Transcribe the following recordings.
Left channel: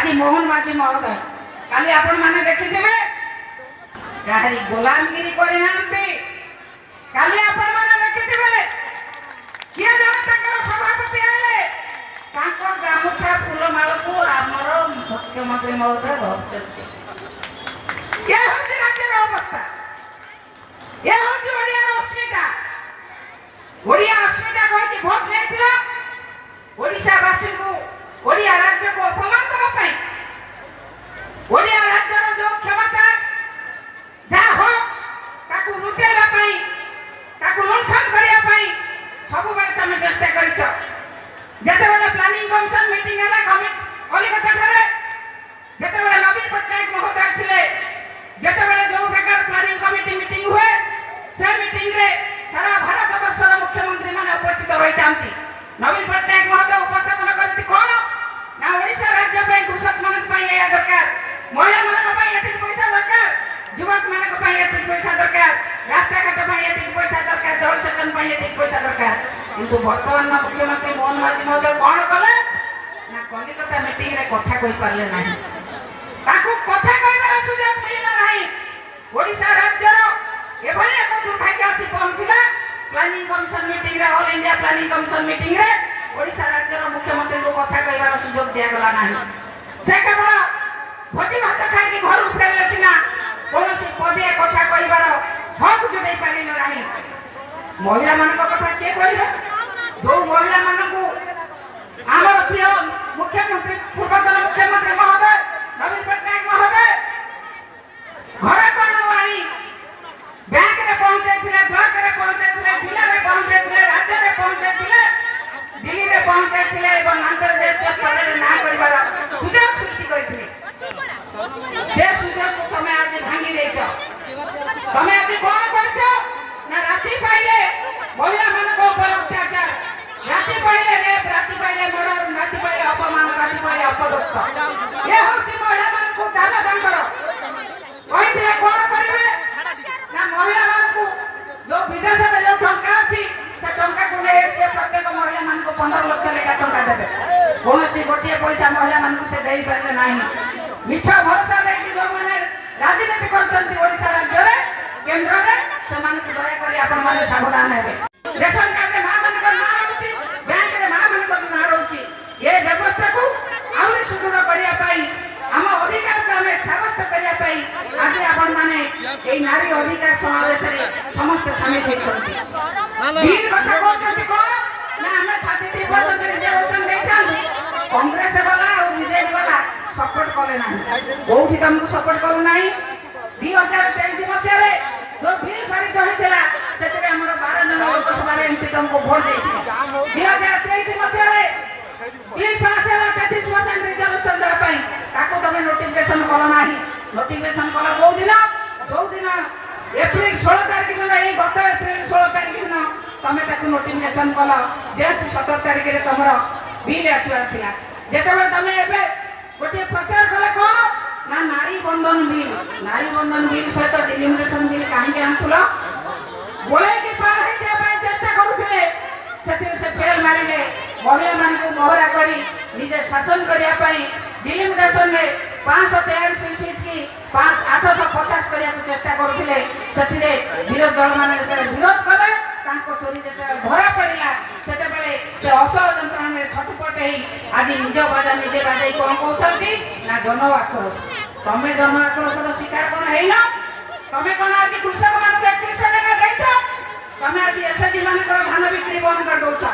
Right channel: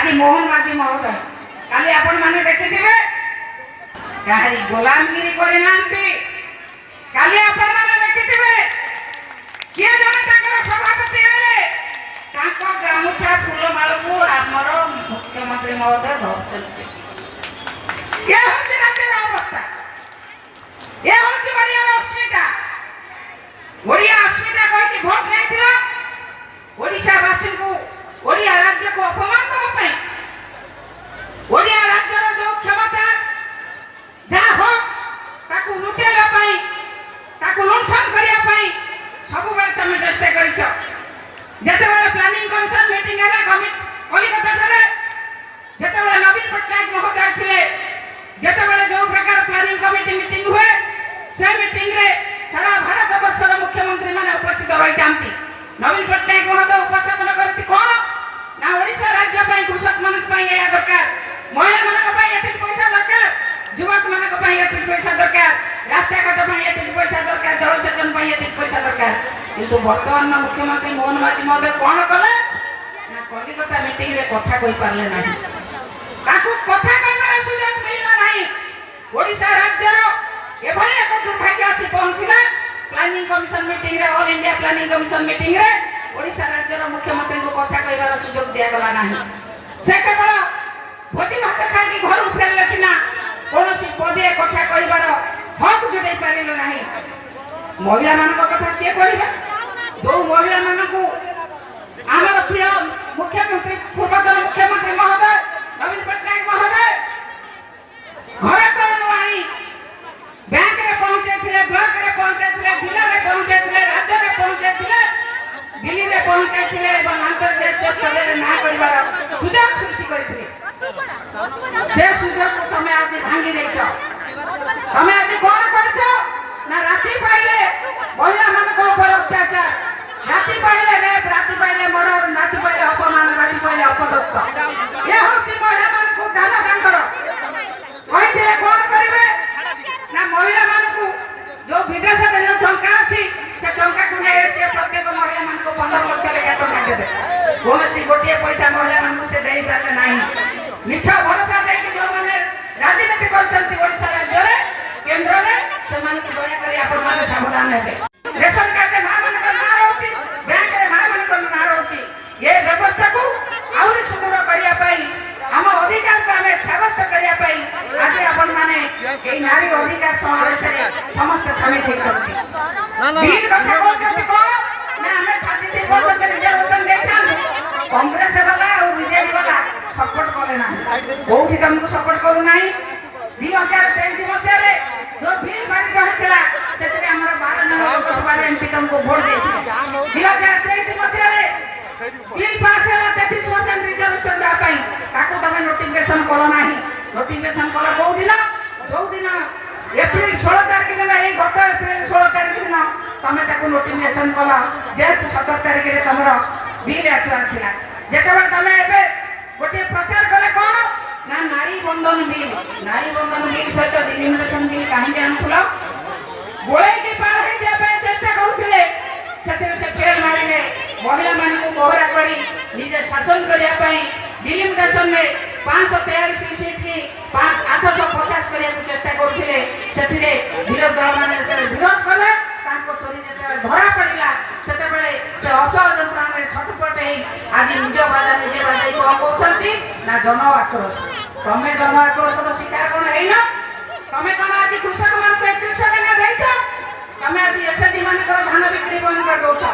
आज मोहन माझी महोदय काली आपण माने देखिथिबे काहरी गोलामगिरी करि नांती काली आपण माने देखिथिबे किया जने ताकर सभापति आले ताको गामुछा फूलमाळ को हमर मुख्यमंत्री महोदय धरचते ये होची राज्यर अवस्था ये होची ओडिया अस्मिता कहती भोट नहीं ओडिशा वासी को ओडिया राज्य को अपमान करने ओडिया राज्य जो क्षमता जहाँ हो ताकू लुटेगा पाई ताकू लुंठन करिया पाई सब बार तमे चेष्टा करिछ जते बेला प्लानिंग कमिशन मीटिंग हैला कलिकता रे जते बेला नवीन पटनायक महोदय थिले जते बेला जो प्रकार प्लानिंग कमिटी मीटिंग हुए से मीटिंग रे सारा भारत वर्षर मुख्यमंत्री माने उपस्थित रहितांती नवीन पटनायक महोदय उपस्थापन करती कोन ना ओडिशा राज्य पई कृषक मानक पई या दरकार महिला मानक पई एतिक पैसा दरकार युवक मानक पई एतिक पैसा दरकार रास्ता घाट पई एतिक पैसा दरकार जल सेचन पई एतिक पैसा दरकार किंतु वर्तमान मुख्यमंत्री मोहन माझी महोदय कोन कले ना कलिकता मीटिंग रे कथा कहि पारले नाही ताकू कथा कहबार सुযোগ मिलला नाही ओडिशा राज्यर एभली एक दुर्भाग्य आसी पहुंचला प्लानिंग कमिशन मीटिंग रे all India planning commission meeting रे ओडिशा राज्यर मुख्यमंत्री को कथा कहबार सुযোগ दिया गला नाही से केवल भोजी भात खाई घर फेरले सिना कोनोसी पदे कथा कहबार हक जुटै पारिले नाही महिला मानक कथा से कहबे जो महिला मानकू हमर प्रिय मुख्यमंत्री पूर्वतन मुख्यमंत्री महोदय नवीन पटनायक महोदय घर कौन आई बैंक रे पहुंचे थिले ब्लॉक रे पहुंचे थिले जिला रे पहुंचे थिले राज्य रे पहुंचे थिले दिल्ली रे पहुंचे थिले एवं अंतर्राष्ट्रीय स्तर रे ना करबार सुযোগ सृष्टि करथिले से सुযোগ को तमे आज भांगी देछ तमे आज कोन करछ ना राती पाइले महिला मानक ऊपर अत्याचार राती पाइले रेप राती पाइले मर्डर राती पाइले अपमान राती पाइले अपदस्थ ये होची महिला मानक दान दांकर कहिथिले कोन करिवे ना महिला मानकू जो विदेश रे जो टंका अछि से टंका को ने से प्रत्येक महिला मानकू 15 लाख लेखा टंका देबे कोनसी गोटिए पैसा महिला मानकू से देई पारले नाही मिछ भरोसा दे कि जो माने राजनीति करछंती ओडिशा राज्य रे केंद्र रे से मानकू दया करी आपण माने सावधान हेबे रेशन कार्ड रे मां मानकर ना रहउची बैंक रे मां मानकर ना रहउची ये व्यवस्था को आउरी सुदृढ़ करिया पई हम अधिकार को हमें साबित करिया पई आज आपण माने ए नारी अधिकार समावेश रे समस्त समित हे छथि बीर कथा कहछथि को ना हमें 33% रिजर्वेशन देथान कांग्रेस वाला और बीजेपी वाला सपोर्ट करे ना कोठी तुमको सपोर्ट करू नाही 2023 मसिया रे जो बिल पारित होइतला सेतरे हमर 12 जन लोकसभा रे एमपी तुमको वोट देथि 2023 मसिया रे बिल पास होला 33% रिजर्वेशन दा पई ताको तमे नोटिफिकेशन करो नाही नोटिफिकेशन करो को दिन जो दिन एप्रिल 16 तारिख दिन ए गत एप्रिल 16 तारिख दिन तमे ताको नोटिफिकेशन कलो जेतु 17 तारिख रे तमरो बिल आसवार थिला जेतेबे तमे एबे गोटे प्रचार कले कोन ना नारी बंधन बिल सहित डिलिमिटेशन बिल काहे के आनथुलो बोले कि पार हे जाबे चेष्टा करूथिले सेते से फेल मारिले महिला मान को मोहरा करी निजे शासन करिया पई डिलिमिटेशन में 543 सीट की 850 करिया को चेष्टा करूथिले सेतिरे विरोध दल मान जेते विरोध कले तांको चोरी जेते धरा पड़िला सेते बेले से असह जंत्रणा में छटपट हे आज निज बाजा निजे बाजा कोन कहउछंती ना जन आक्रोश तमे जन आक्रोश रो शिकार कोन हेइनो तमे कोन आज कृषक मान को 31 टका देइछो तमे आज एसएजी मान को धान बिक्री बंद कर दोछो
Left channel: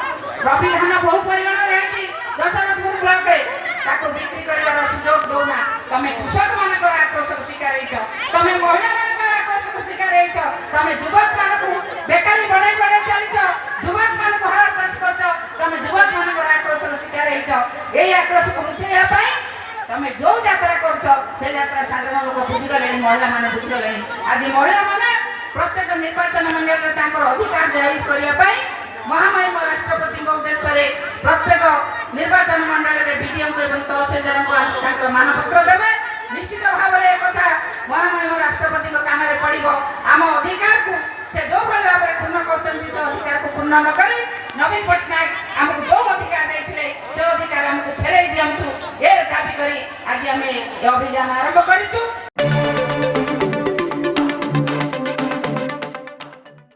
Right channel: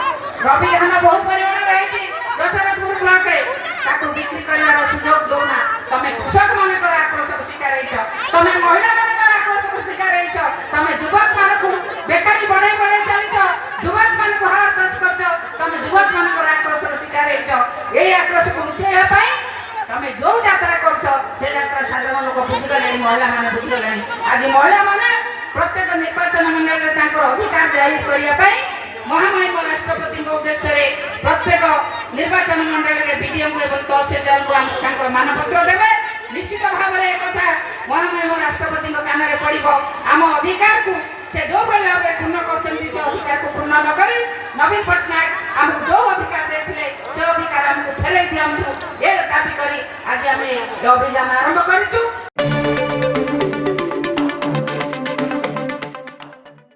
रबी धान बहु परिमाण रहछि दशरथपुर ब्लॉक रे ताको बिक्री करबार सुयोग दोना तमे कृषक मान को आक्रोश रो शिकार हेइछो तमे महिला मान को आक्रोश रो शिकार हेइछो तमे युवक मान को बेकारी बढ़े चलिछो युवक मान को हरास करछो तमे युवक मान को आक्रोश रो शिकार हेइछो ए आक्रोश को रुचेया पई तमे जो यात्रा करछो से यात्रा साधारण लोक बुझि गलेनी महिला मान बुझि गलेनी आज महिला माने प्रत्येक निर्वाचन मंडल रे तांकर अधिकार जाहिर करिया पई महामहिम राष्ट्रपति को उद्देश्य रे प्रत्येक निर्वाचन मंडल रे बीडीओ एवं तहसीलदार को तांकर मानपत्र देबे निश्चित भाव रे कथा महामहिम राष्ट्रपति को कान रे पड़िबो आम अधिकार को से जो भाव रे पूर्ण करछन्ती से अधिकार को पूर्ण न करी नवीन पटनायक हमको जो अधिकार देथिले से अधिकार हमको फेरै दियंतु ए दाबी करी ଆଜି ଆମେ ଏ ଅଭିଯାନ ଆରମ୍ଭ କରିଛୁ।